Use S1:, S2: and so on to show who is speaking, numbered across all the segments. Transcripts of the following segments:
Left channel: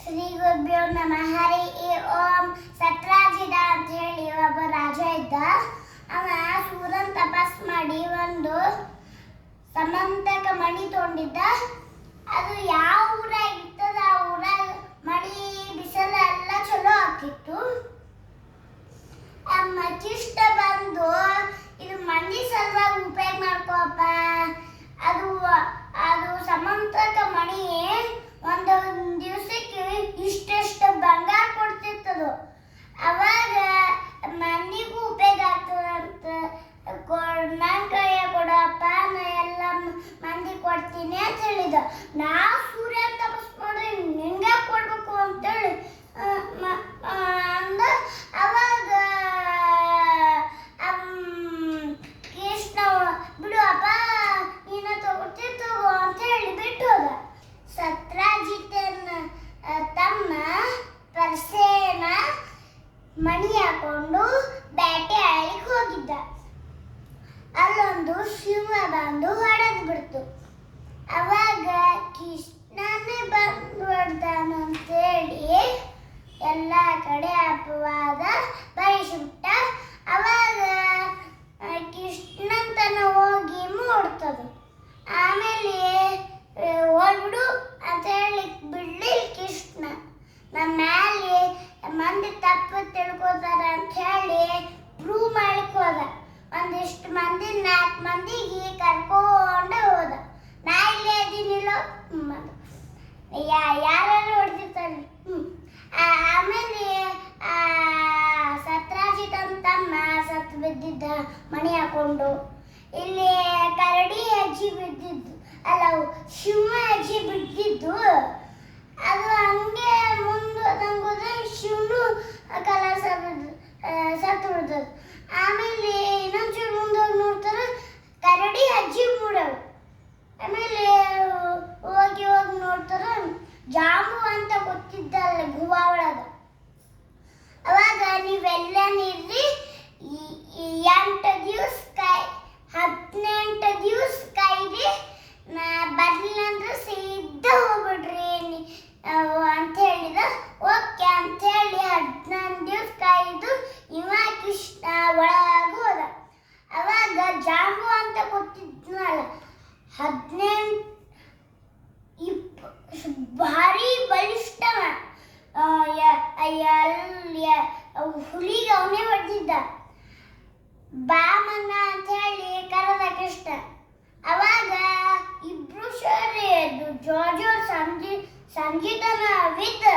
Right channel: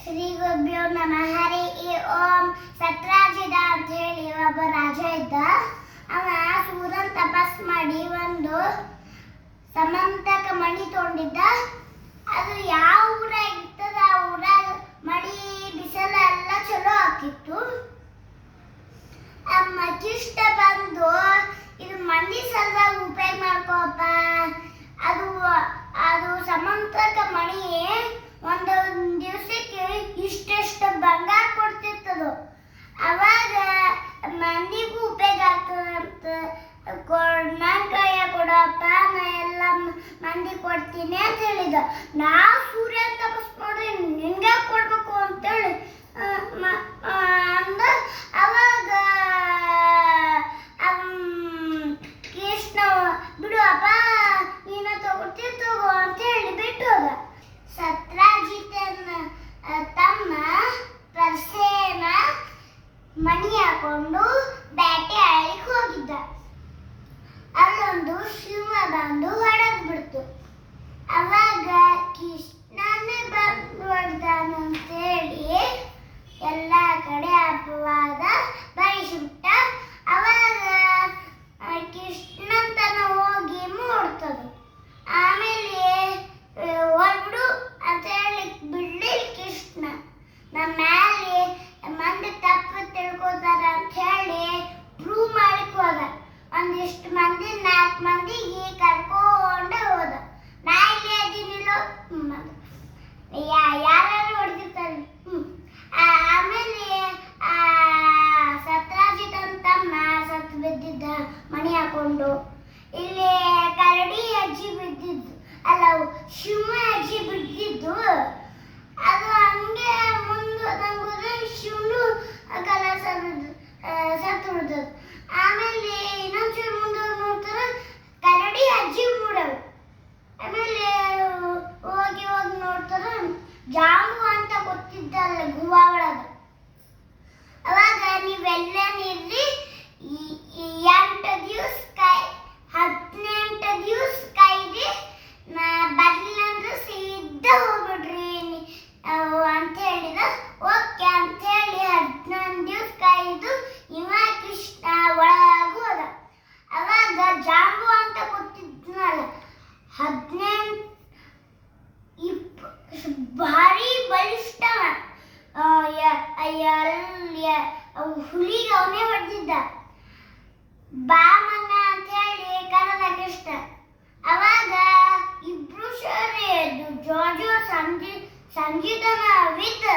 S1: ಶ್ರೀ ಗುರುಭ್ಯೋ ನಮಃ. ಹರಿ ಈ ಓಂ. ಸತ್ರಾಜಿದ ಅಂತ ಹೇಳಿ ಒಬ್ಬ ರಾಜ ಇದ್ದ. ಅವ ಸೂರನ್ ತಪಸ್ ಮಾಡಿ ಒಂದು ಸಮಂತಕ ಮಣಿ ತೊಂಡಿದ್ದ ಅದು ಯಾವ ಊರಾಗ ಇರ್ತದ ಆ ಊರಾಗ ಮಳಿ ಬಿಸಿಲ ಎಲ್ಲ ಚಲೋ ಆ ಮಚಿಷ್ಟ ಬಂದು, ಇದು ಮಣಿ ಸಲುವಾಗಿ ಉಪಯೋಗ ಮಾಡ್ಕೋಪ್ಪ ಅದು ಸಮಂತಕ ಮಣಿ ಒಂದು ದಿವಸಕ್ಕೆ ಇಷ್ಟೆಷ್ಟು ಬಂಗಾರ ಕೊಡ್ತಿತ್ತದು ಅವಾಗ ಮಂದಿಗೂ ಉಪಯೋಗ ಆಗ್ತದಂತ ಕೊಡಪ್ಪ ನಾ ಎಲ್ಲ ಮಂದಿ ಕೊಡ್ತೀನಿ ಅಂತ ಹೇಳಿದ. ನಾ ಸೂರ್ಯ ತಪಸ್ ಮಾಡಿ ನಿನ್ಗೆ ಕೊಡ್ಬೇಕು ಅಂತೇಳಿ ಆ, ಮ- ಆ, ಅಂದ ಅವಾಗ ಅಮ್, ಕೃಷ್ಣ ಬಿಡು ಅಪ್ಪ ನೀನ ತಗೊಳ್ತಿ ತಗೋ ಅಂತ ಹೇಳಿ ಬಿಟ್ಟು ಹೋದ ಸತ್ರಾಜಿತನ ಆ, ತಮ್ಮ ಪರ್ಸೇನ ಮಣಿ ಹಾಕೊಂಡು ಬ್ಯಾಟೆ ಆಡಲಿಕ್ಕೆ ಹೋಗಿದ್ದ. ಅಲ್ಲೊಂದು ಸಿಂಹ ಬಂದು ಹೊಡೆದು ಬಿಡ್ತು. ಅವಾಗ ಕೃಷ್ಣನೇ ಬಂದು ಎಲ್ಲ ಕಡೆ ಅಪವಾದ ಬಯಸಿಬಿಟ್ಟ ಅವಾಗ ಆ, ಕೃಷ್ಣನ್ ತನ ಹೋಗಿ ಮೂಡ್ತದು ಆಮೇಲೆ ಆ, ಹೋಗ್ಬಿಡು ಅಂತ ಹೇಳಿ ಬಿಡ್ಲಿಲ್ಲ ಕೃಷ್ಣ ನಮ್ಮ ಮ್ಯಾಲೆ ಮಂದಿ ತಪ್ಪು ತಿಳ್ಕೊತಾರ ಅಂತ ಹೇಳಿ ಪ್ರೂವ್ ಮಾಡಕ್ ಹೋದ ಒಂದಿಷ್ಟು ಮಂದಿ ನಾಲ್ಕು ಮಂದಿಗೆ ಕರ್ಕೊಂಡು ಹೋದ ನಾ ಇಲ್ಲೇ ಇದೀನಿಲ್ಲೋ ಹ್ಮ್ ಅಂದ. ಯಾ ಯಾರು ಹೊಡೆದಿರ್ತಾರೆ ಹ್ಮ್ ಆ- ಆಮೇಲೆ ಆ ಸತ್ರಾಜಿತನ ತಮ್ಮ ಸತ್ತು ಬಿದ್ದಿದ್ದ ಮಣಿ ಇಲ್ಲಿ ಕರಡಿ ಅಜ್ಜಿ ಬಿದ್ದಿದ್ದು. ಅಲ್ಲ ಶಿವ ಅಜ್ಜಿ ಬಿದ್ದಿದ್ದು. ಅದು ಹಂಗೆ ಮುಂದೆ ನಂಗೆ ಶಿವನು ಕಲ ಸತ್ತು ಬಿಡ್ತದೆ ಆಮೇಲೆ ಇನ್ನೊಂಚೂರು ಮುಂದೆ ನೋಡ್ತಾರೆ ಕರಡಿ ಅಜ್ಜಿ ಮೂಡವು ಆಮೇಲೆ ಹೋಗಿ ಹೋಗಿ ನೋಡ್ತಾರೆ ಜಾಂಬು ಅಂತ ಗೊತ್ತಿದ್ದಲ್ಲ ಗುಹಾ ಹುಲಿಗೆ ಅವನೇ ಹೊಡೆದಿದ್ದ. ಬಾಮನ್ನ ಅಂತ ಹೇಳಿ ಕರೆದ ಕೃಷ್ಣ. ಅವಾಗ ಇಬ್ರು ಸೇರಿ ಜೋಜೋ ಸಂಜಿ ಸಂಗೀತನ ವಿತ್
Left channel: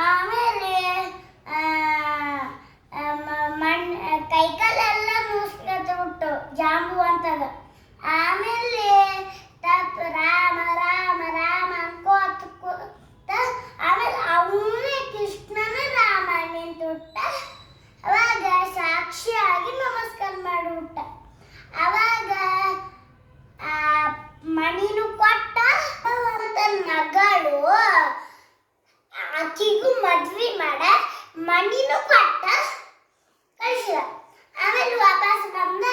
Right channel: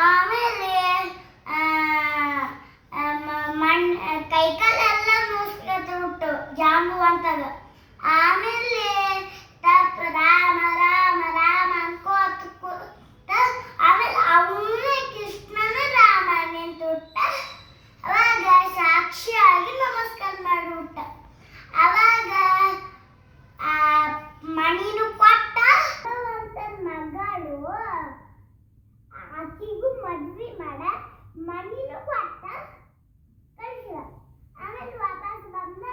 S1: ಆಮೇಲೆ ಮಣ್ಣು ಕೈಕಾಲೆಲ್ಲ ನುಸ್ಕತ್ ಬಿಟ್ಟು ಜಾಂಬು ಅಂತಾಗ. ಆಮೇಲೆ ಮಣಿನು ಕೊಟ್ಟ ಮಗಳು. ಆಕಿಗೂ ಮದ್ವೆ ಮಾಡ ಮಣಿನು ಕೊಟ್ಟ ಕಳಿಸಿದ ಆಮೇಲೆ ವಾಪಸ್ ಬಂದ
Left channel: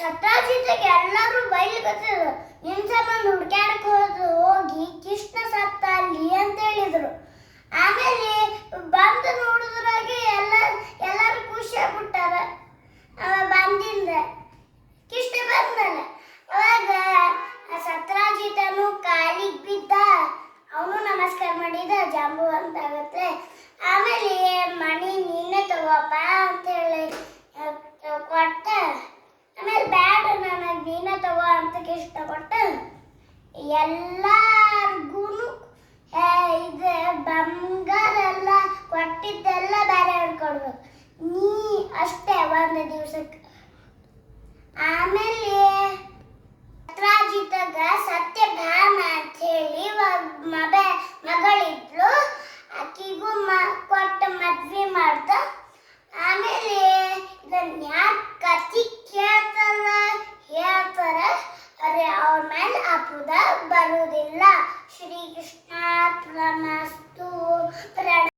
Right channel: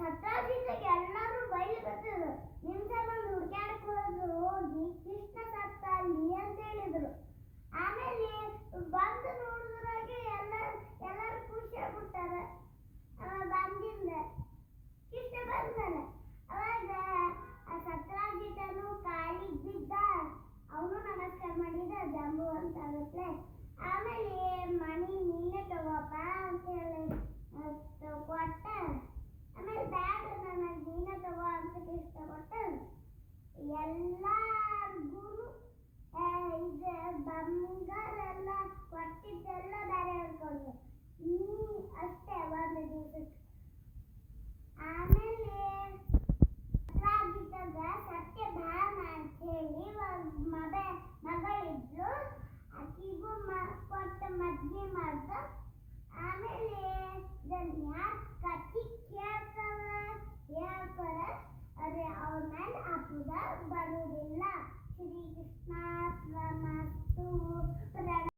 S1: ಸತ್ತಾಜಿತೆಗೆ ಎಲ್ಲರೂ ಬೈಲಿಕತ್ತಿದ್ರು ನಿನ್ ಸಂಬಂಧ ಹುಡ್ಕ್ಯಾಡಕ್ ಹೋದ್ರು ಹೋಗಿ ಕೃಷ್ಣ ಸತ್ತ ಅಲ್ಲಿ ಅಂತ ಹೇಳಿದ್ರು ಆಮೇಲೆ ಬಂದು ನೋಡಿದ್ರಾಗೆ ಎಲ್ಲ ಎಲ್ಲರೂ ಖುಷಿ ಆಗ್ಬಿಟ್ಟಾರ ಅವ ಬಂದಿಂದ ಕೃಷ್ಣ ಬಂದಲ್ಲ ಅವಾಗ ಆ ಸತ್ರಾಜಿತನು ಕಾಲಿಗೆ ಬಿದ್ದ ಅವನು ನಮಸ್ಕಾರ ಮಾಡಿದ ಜಾಂಬು ಅಂತ ಆಗತ್ತೆ ಆಮೇಲೆ ಮಣಿ ನೀನೇ ತಗೋಪ್ಪ ಅಂತ ಹೇಳಿ ಆ, ಕೊಟ್ಟ ಆಮೇಲೆ ಬ್ಯಾಡ